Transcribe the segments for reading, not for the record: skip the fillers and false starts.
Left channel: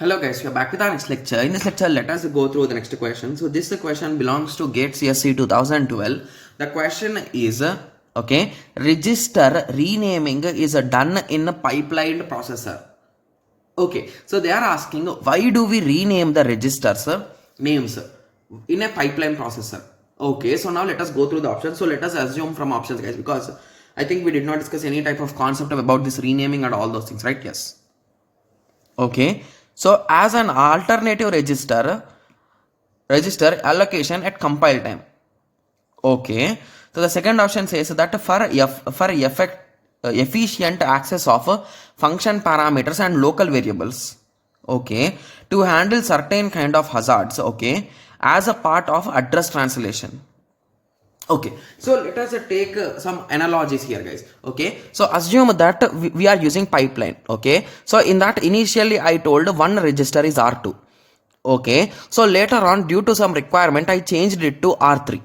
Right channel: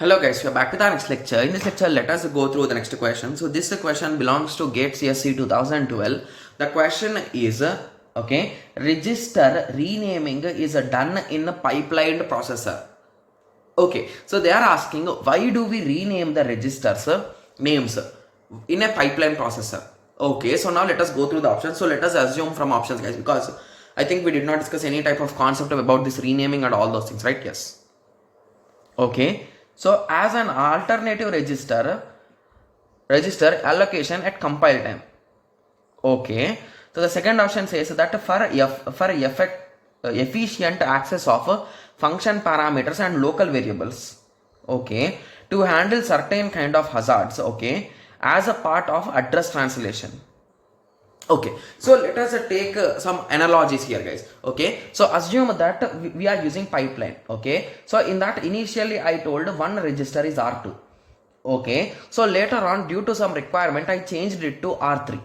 Hello guys, we are back with our next lecture. In this lecture, let us go through the next question. So this question belongs to GATE CSE 2012. The question is, okay, register renaming is done in a pipelined processor. Okay, so they are asking, why do we rename the registers names in a pipeline processor? Okay, so now let us go through the options. So let us assume from options, guys, because I think we did not discuss any type of concept about this renaming and all those things, right? Yes. Okay. So as an alternative register allocation at compile time. Okay. So the second option says that for efficient access of function parameters and local variables. Okay. To handle certain kind of hazards. Okay. As a part of address translation. Okay, so let us take some analogies here, guys. Okay, so assume that we are using pipeline. Okay, so in that initially I told one register is R2. Okay, so later on due to some requirement I changed it to R3,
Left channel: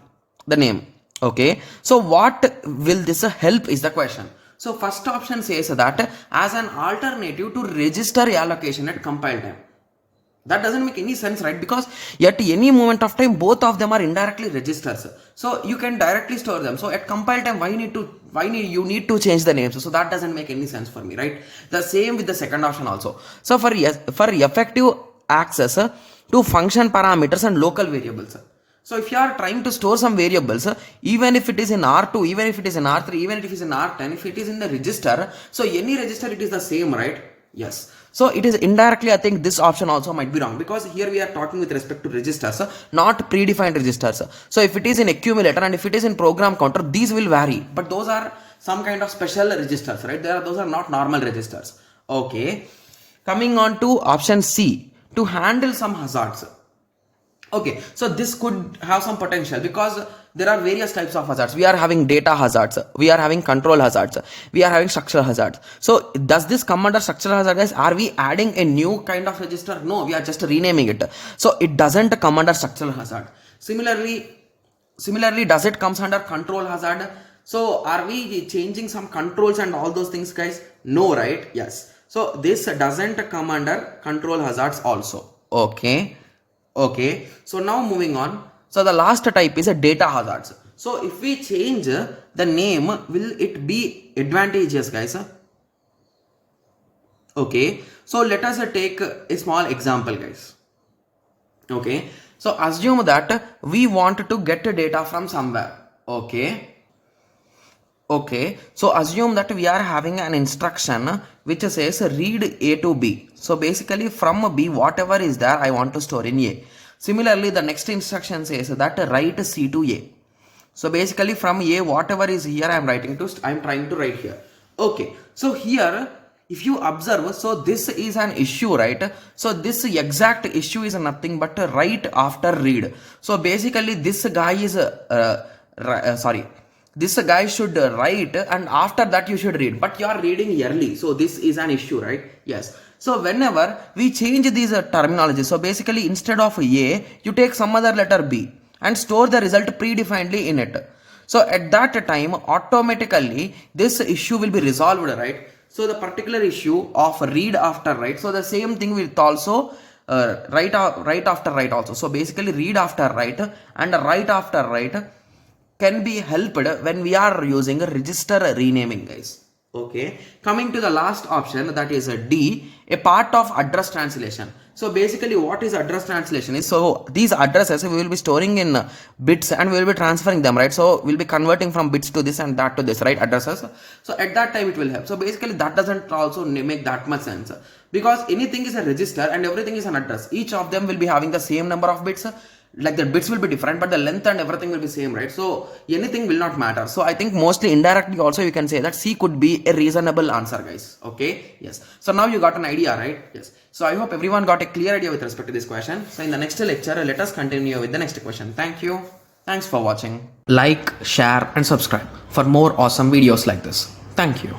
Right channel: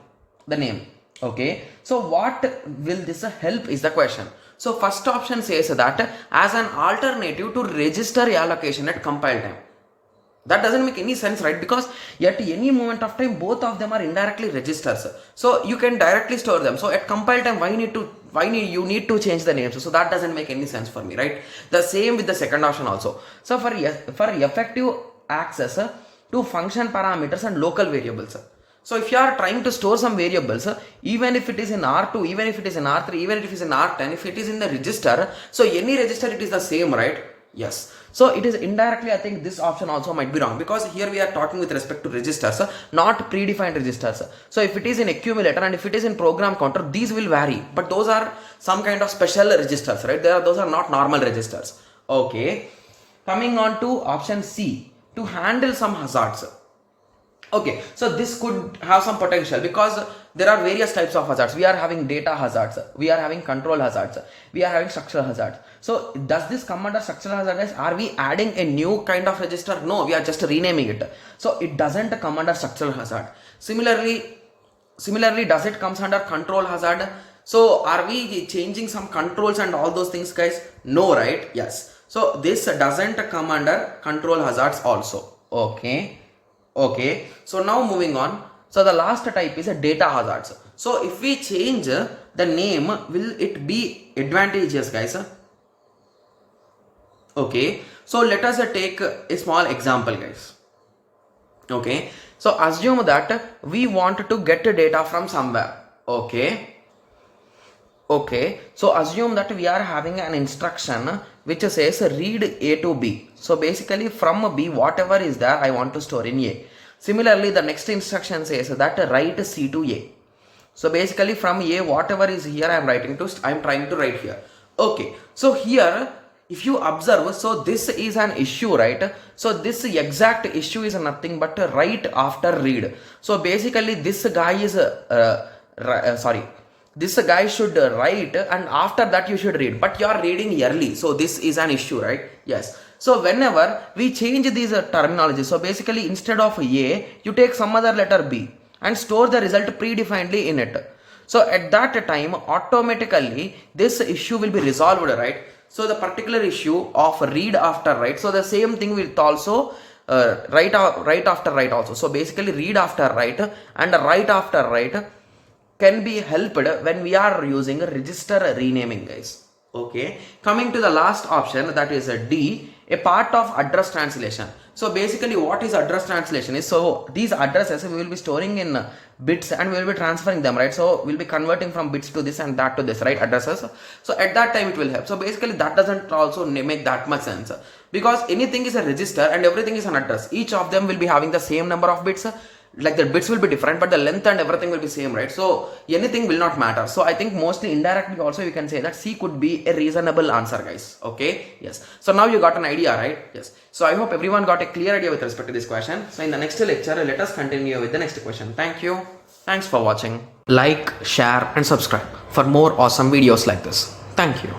the name. Okay, so what will this help is the question. So first option says that as an alternative to register allocation at compile time. That doesn't make any sense, right? Because at any moment of time both of them are indirectly registers, so you can directly store them. So at compile time why you need to change the names? So that doesn't make any sense for me, right? The same with the second option also. So for effective access to function parameters and local variables, so if you are trying to store some variables, even if it is in R2, even if it is in R3, even if it is in R10, if it is in the register, so any register it is the same, right? Yes. So it is indirectly, I think this option also might be wrong, because here we are talking with respect to registers, not predefined registers. So if it is in accumulator and if it is in program counter, these will vary, but those are some kind of special registers, right? Those are not normal registers. Okay. Coming on to option C, to handle some hazards. Okay, so this could have some potential because there are various types of hazards. We are having data hazards, we are having control hazards, we are having structural hazards. So does this come under structural hazards? Are we adding a new kind of register? No, we are just renaming it. So it doesn't come under structural hazard. Similarly, does it comes under control hazard? So are we changing some controls and all those things, guys? No, right? Yes. So this doesn't come under control hazards also. Okay, so now moving on. So the last type is a data hazards. So if we change the name, will it be advantageous, guys? Okay, so let us take a small example, guys. Okay, so assume that we want to get data from somewhere. Okay, so assume that we are having an instruction which says read A to B. So basically from B, whatever is there, I want to store in A. Similarly, the next instruction says that write C to A. So basically from A, whatever is here, I am trying to write here. Okay, so here, if you observe, so this is an issue, right? So this exact issue is nothing but write after read. So basically this guy is, this guy should write and after that you should read, but you are reading early, so this is an issue, right? Yes. So whenever we change these terminology, so basically instead of A, you take some other letter B and store the result predefinedly in it. So at that time, automatically this issue will be resolved, right? So the particular issue of read after write, so the same thing will also write after write also. So basically read after write and write after write can be helped when we are using register renaming, guys. Okay, coming to the last option, that is a D, a part of address translation. So basically what is address translation is, so these addresses we will be storing in bits and we will be transferring them, right? So we'll be converting from bits to this and that to this, right? Addresses. So at that time it will help. So basically that doesn't also make that much sense, because anything is a register and everything is an address. Each of them will be having the same number of bits, like the bits will be different, but the length and everything will be same, right? So anything will not matter. So I think mostly indirectly also you can say that C could be a reasonable answer, guys. Okay, yes. So now you got an idea, right? Yes. So I hope everyone got a clear idea with respect to this question. So in the next lecture, let us continue with the next question. Thank you. Thanks for watching. Like, share and subscribe for more awesome videos like this. Thank you.